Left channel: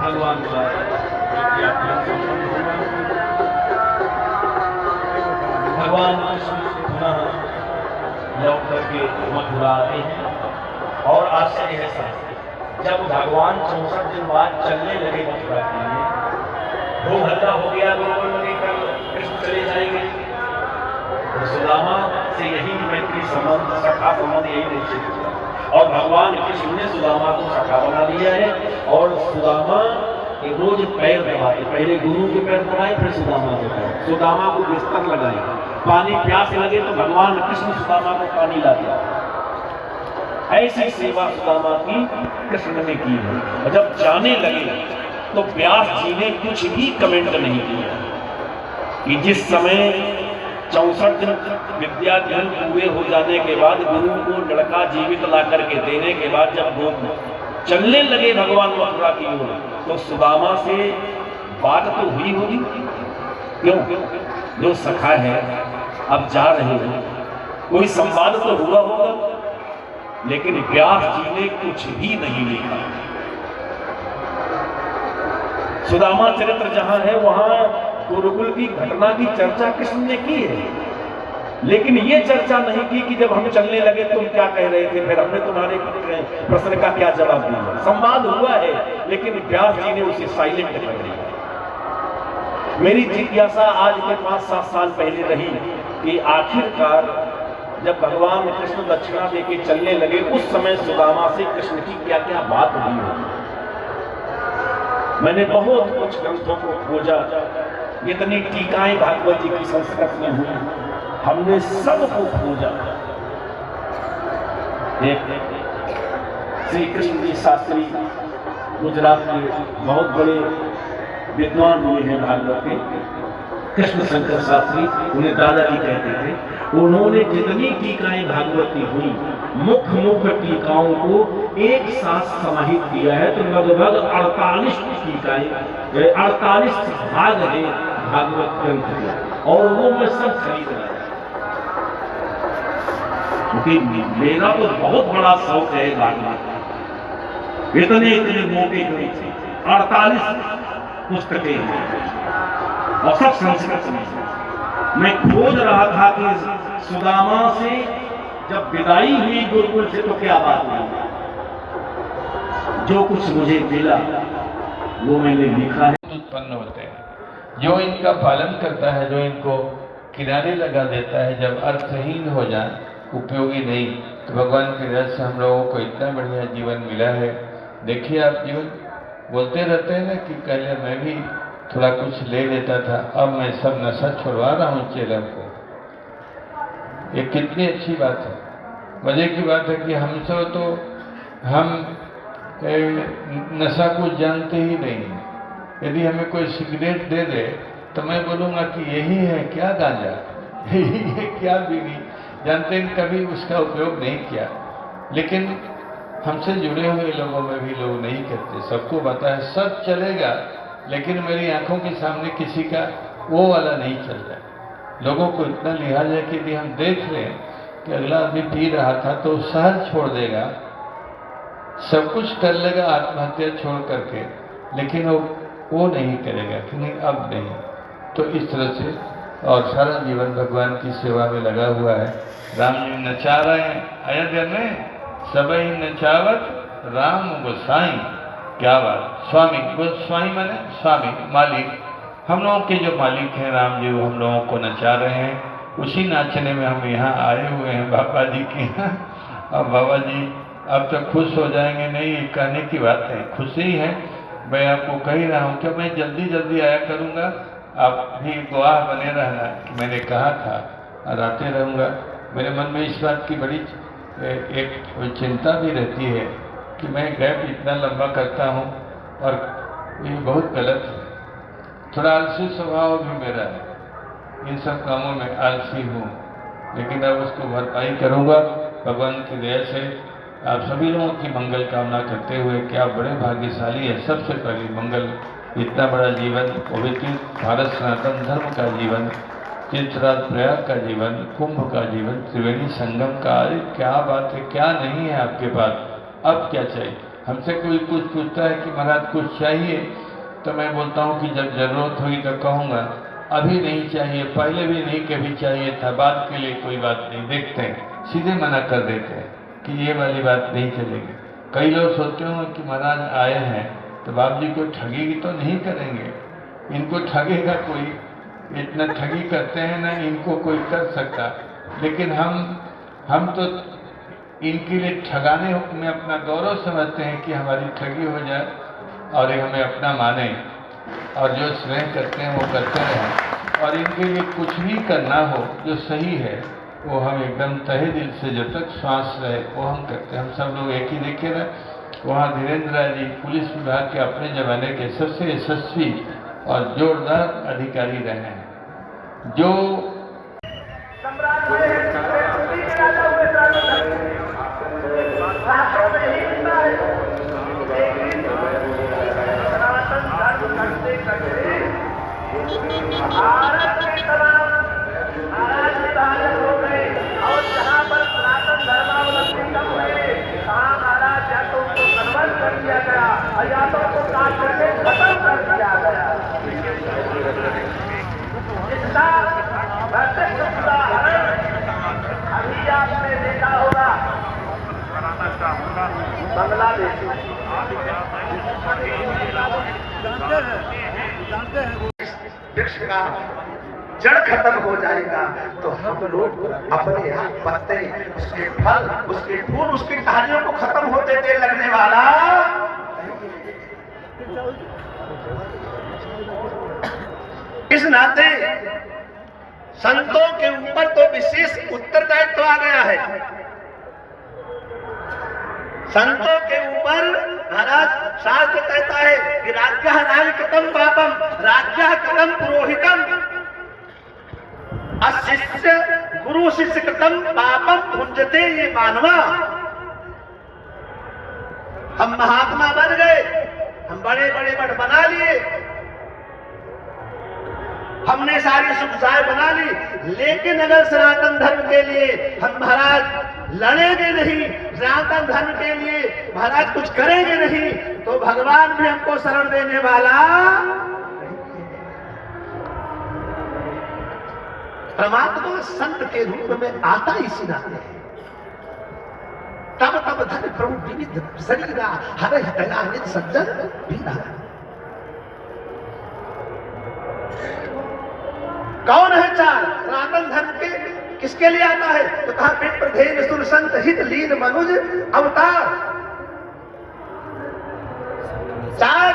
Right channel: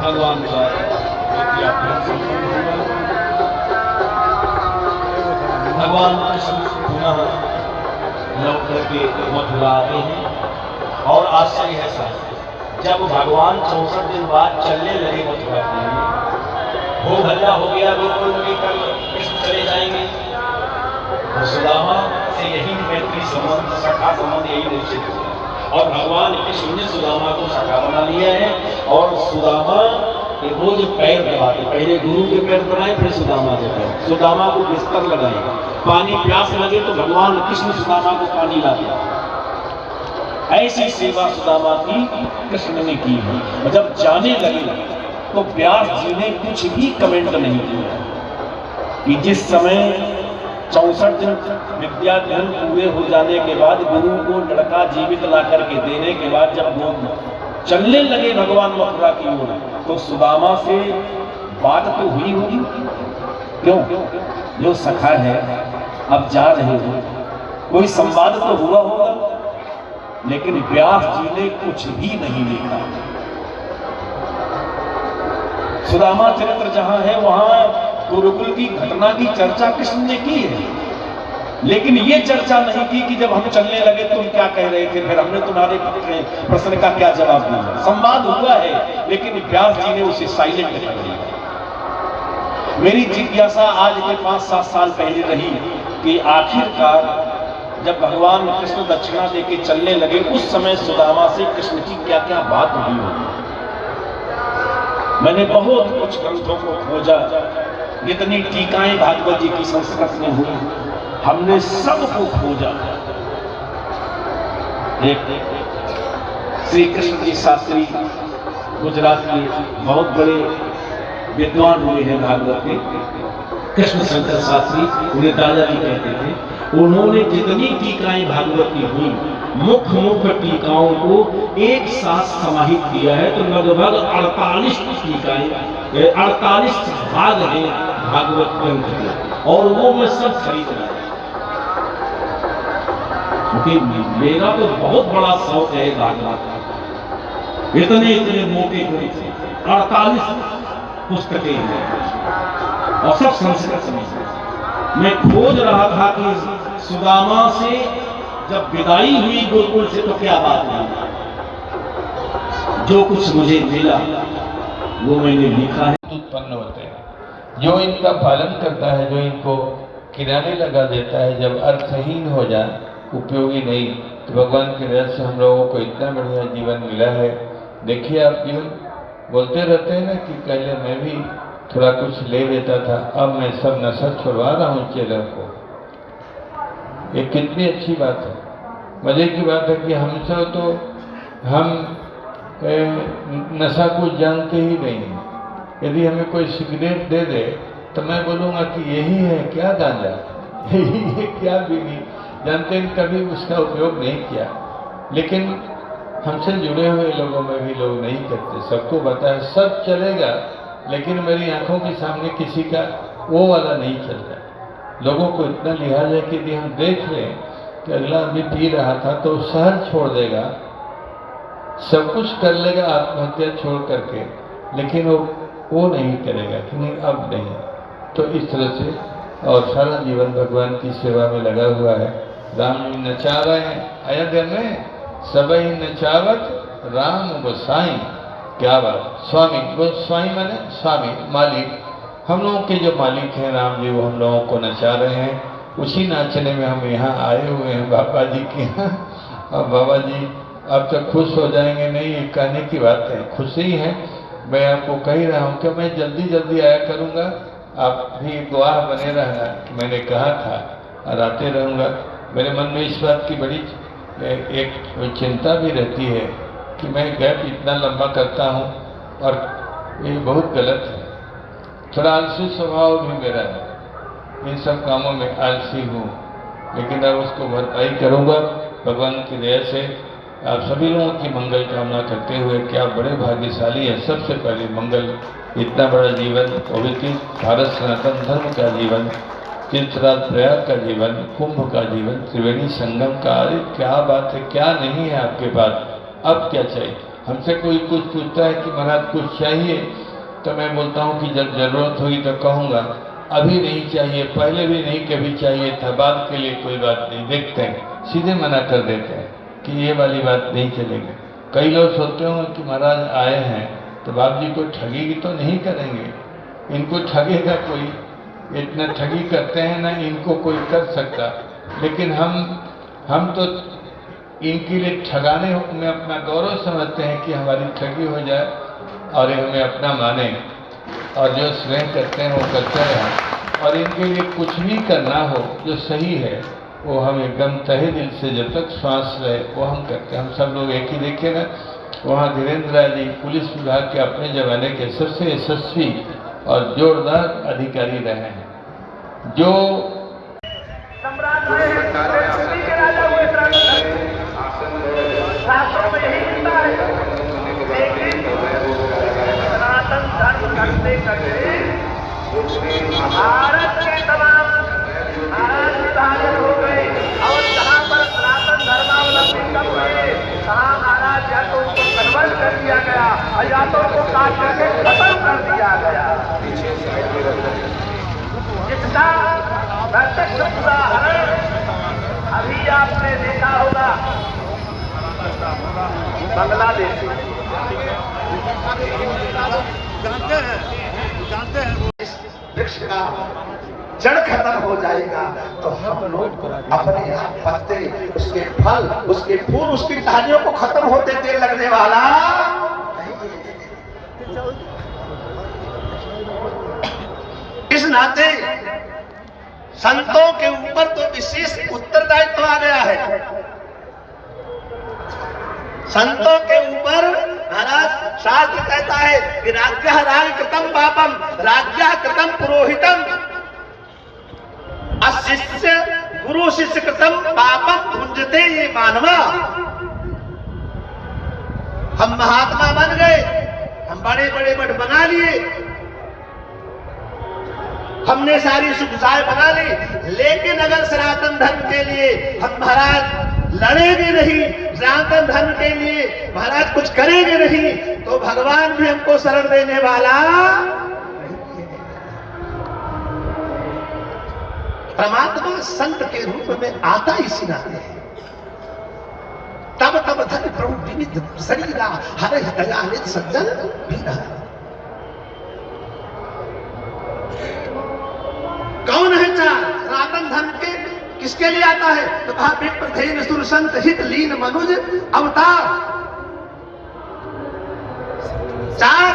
भगवान का भगवान कृष्ण पुनः लौट करके मथुरा आते हैं और आश्चर्य है साहब, जब भगवान 64 दिन बाद चलने लगे मथुरा के लिए, वो हल्ला हो गया, गोकुल में लेकर कृष्ण चले जाएंगे, तो सुदामा से यही मैत्री संबंध, सखा संबंध यही निश्चित हुआ और भगवान कृष्ण ने सुदामा को सखा बना लिया है। और सुदामा के रोज पैर दबाते, पहले गुरु के पैर दबाए, फिर सुदामा के पैर, सुदामा को बिस्तर लगाए, पानी प्यास लगे तो भगवान कृष्ण सुदामा को पानी लाते। ऐसी सेवा सुदामा की कृष्ण ने की है। और जब जाने लगे तो व्यास जी ने कुछ भी कमेंट नहीं किया कि जिस समय 64 दिन विद्याध्ययन पूरे हो जाने के बाद गुरु को लड़का जीवित ला करके देने के बाद जब वो चलने लगे भगवान मथुरा की ओर, तो सुदामा से बात तो हुई होगी, क्यों? जो सखा है, अब जा रहे हो, कोई संवाद तो हुआ होगा, लेकिन व्यास जी ने कुछ भी नहीं लिखा। सुदामा चरित्र जहां है वहां गुरुकुल की घटना की चर्चा कृष्ण ने की है, लेकिन ये चर्चा नहीं की कि जब हम चलने लगे तुम क्या कह रहे थे, फिर हमने तुम्हारे प्रश्न का क्या जवाब दिया। संवाद हुआ है, लेकिन व्यास जी ने उसे साइलेंट कर दिया। मेरी जिज्ञासा आज के 5-7 साल पहले रही कि आखिरकार जब भगवान कृष्ण दक्षिणा देके चलने लगे, उस समय सुदामा से कृष्ण की क्या क्या बात हुई होगी। मैंने बहुत कुछ ग्रंथों को खोजा, जितनी टीकाएं भागवत जी की संस्कृत में हुई, हमने सबको खोजा। एक श्री कृष्ण जी शास्त्री गुजरात के बहुत बड़े विद्वान हुए हैं भागवत के, कृष्ण शंकर शास्त्री, उन्हें दादाजी कहते थे। उन्होंने जितनी टीकाएं भागवत की हुई, मुख्य टीकाओं को एक साथ समाहित किया है, तो लगभग 48 टीकाएं, 48 भाग है भागवत ग्रंथ के, और वो मैं सब खरीद रहा, क्योंकि मेरा तो बहुत बड़ा शौक है भागवत। इतने इतने मोटे ग्रंथ, 48 पुस्तकें हैं और सब संस्कृत में। मैं खोज रहा था कि सुदामा से जब विदाई हुई गुरुकुल से तो क्या बात हुई। जो कुछ मुझे मिला वो मैंने लिखा है। उत्पन्न होते हैं, जो इनका पालन करता है, जो इनको किनारे लगा देता है, जब अर्थहीन हो जाए, उपयोगी नहीं, तो भगवान की दया से हम लोगों को इतना बढ़िया जीवन मिला है। देखिए, आप जीवन बोलते रहते हैं ना कि पहले मैं भी थोड़ा कुछ ले लेता था, अब मैं सब नशा छुड़वा रहा हूँ चेलों को। ये कितनी अच्छी बात है, मजे की बात है कि हमसे तो हम नशा को जानते ही नहीं। यदि हमें कोई सिगरेट दे दे तो मैं बोलूँगा कि यही है क्या गांजा, यही है क्या बीड़ी, जानते हैं, कभी उसका उपयोग नहीं किया। लेकिन हमसे जुड़े हुए लोगों में भी लोग नहीं करते, सबको पता है सब चलेगा, लेकिन मेरी आंखों के सामने किसी का वो वाला नहीं चलता। लोगों को इतना लिहाज है कि यदि हम देख लें कि अगला आदमी पी रहा था तो शहर छोड़ देगा, सब कुछ कर लेगा आत्महत्या छोड़ करके, लेकिन वो नहीं करेगा कि नहीं अब नहीं। तो इस तरह से और सारा जीवन भगवान की सेवा में लगा हुआ है। राम जी नचा रहे हैं अयोध्या में, सबई नचावत राम गोसाई। क्या बात, स्वामी, गोस्वामी माने स्वामी, मालिक, हम लोगों के जो मालिक हैं राम जी, वो हम लोगों को नचा रहे हैं। उसी नाचने में हम यहाँ आए हुए हैं बाबा जी के यहाँ। अब बाबा जी अब तो खुश हो जाएंगे, नहीं कहने की बात है, खुशी है। मैं आपको कह ही रहा हूँ कि मैं जल्दी जल्दी आया करूँगा, आप भी गवाह बने रहना कि मैंने कहा था, और आते रहूँगा। मेरे मन में इस बात की बड़ी एक चिंता भी रहती है कि मैं गैप इतना लंबा करता हूँ और ये बहुत गलत है। थोड़ा आलसी स्वभाव भी मेरा है, इन सब कामों में आलसी हूँ, लेकिन अब उसको भरपाई करूँगा भगवान की दया से। आप सभी लोगों की मंगल कामना करते हुए कि आप बड़े भाग्यशाली हैं। सबसे पहले मंगल, इतना बड़ा जीवन, पवित्र भारत सनातन धर्म का जीवन, तीर्थराज प्रयाग का जीवन, कुंभ का जीवन, त्रिवेणी संगम का, अरे क्या बात है, क्या नहीं है आपके पास, अब क्या चाहिए। हमसे कोई कुछ पूछता है कि महाराज कुछ चाहिए, तो मैं बोलता हूँ कि जब जरूरत होगी तो कहूँगा, अभी नहीं चाहिए, पहले भी नहीं कभी चाहिए था, बाद के लिए कोई बात नहीं। देखते हैं, सीधे मना कर देते हैं कि ये वाली बात नहीं चलेगी। कई लोग सोचते होंगे कि महाराज आए हैं तो बाप जी को ठगी तो नहीं करेंगे, इनको ठगेगा कोई, इतना ठगी करते हैं ना, इनको कोई कर सकता। लेकिन हम तो इनके लिए ठगाने में अपना गौरव समझते हैं कि हमारी ठगी हो जाए और ये हमें अपना माने और जो स्नेह करते हैं वो करते रहें, और इनके लिए कुछ भी करना हो जो सही है वो हम एकदम तहे दिल से, जब तक श्वास रहे वो हम करते हैं। हम सब लोग एक ही देखे ना, वहाँ धीरेन्द्र राय जी पुलिस विभाग के अपने ज़माने के सबसे यशस्वी और जोरदार अधिकारी रहे हैं, जो भारत के तमाम महाराज हो गए और जहाँ पर सनातन धर्मावलंबी सब हुए वहाँ महाराज या तो उनको खत्म कर दिया गया और या तो उनको काट करके खत्म कर दिया गया। इसका प्रत्यक्ष उदाहरण अभी आपने देखा होगा बांग्लादेश। जानते हैं वृक्ष का जड़ खत्म हो जाएगा तो हम लोग अपने यहाँ पत्ते, उसके फल, उसके फूल, उसकी टहनियों को खत्म होते देर लगने वाला। इस नाते संतों के ऊपर तो विशेष उत्तरदायित्व आ गया है। संतों के ऊपर महाराज शास्त्र कहता है कि राज्य राग कृतम पापम, राज्य कृतम पुरोहितम, अशिष्य गुरु शिष्य कृतम पापम भुंजते ये मानवा। हम महात्मा बन गए, हम बड़े बड़े मठ बना लिए, हमने सारी सुविधाएं बना ली, लेकिन अगर सनातन धर्म के लिए हम महाराज लड़ेंगे नहीं, सनातन धर्म के लिए महाराज कुछ करेंगे नहीं, तो भगवान भी हमको शरण देने वाला। परमात्मा संत के रूप में आता इसी नाते है। तब तब धन प्रभु विविध शरीरा हर दयानित सज्जन पीना। कौन है चार सनातन धर्म के, किसके लिए आता है? तो कहा विप्र धेन सुर संत हित लीन मनुज अवतार। चार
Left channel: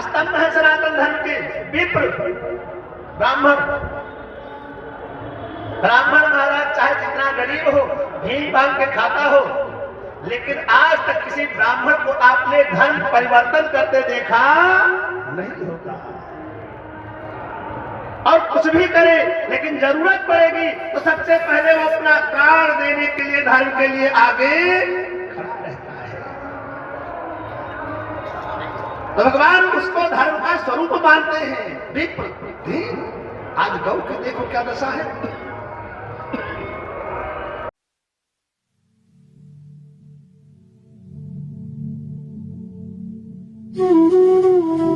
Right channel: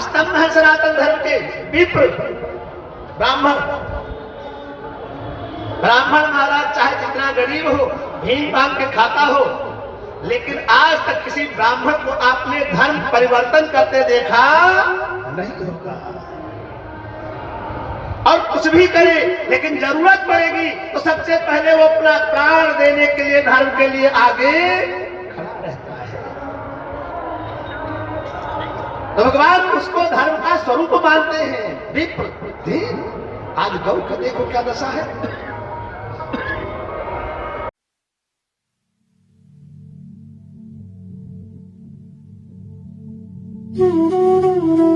स्तंभ है सनातन धर्म के, विप्र ब्राह्मण। ब्राह्मण महाराज चाहे जितना गरीब हो, भीन भांग के खाता हो, लेकिन आज तक किसी ब्राह्मण को आपने धर्म परिवर्तन करते देखा नहीं होगा। और कुछ भी करे, लेकिन जरूरत पड़ेगी तो सबसे पहले वो अपना प्राण देने के लिए धर्म के लिए आगे खड़ा रहता है। तो भगवान उसको धर्म का स्वरूप मानते हैं। विप्र आज गौ के देखो क्या दशा है। Do do do do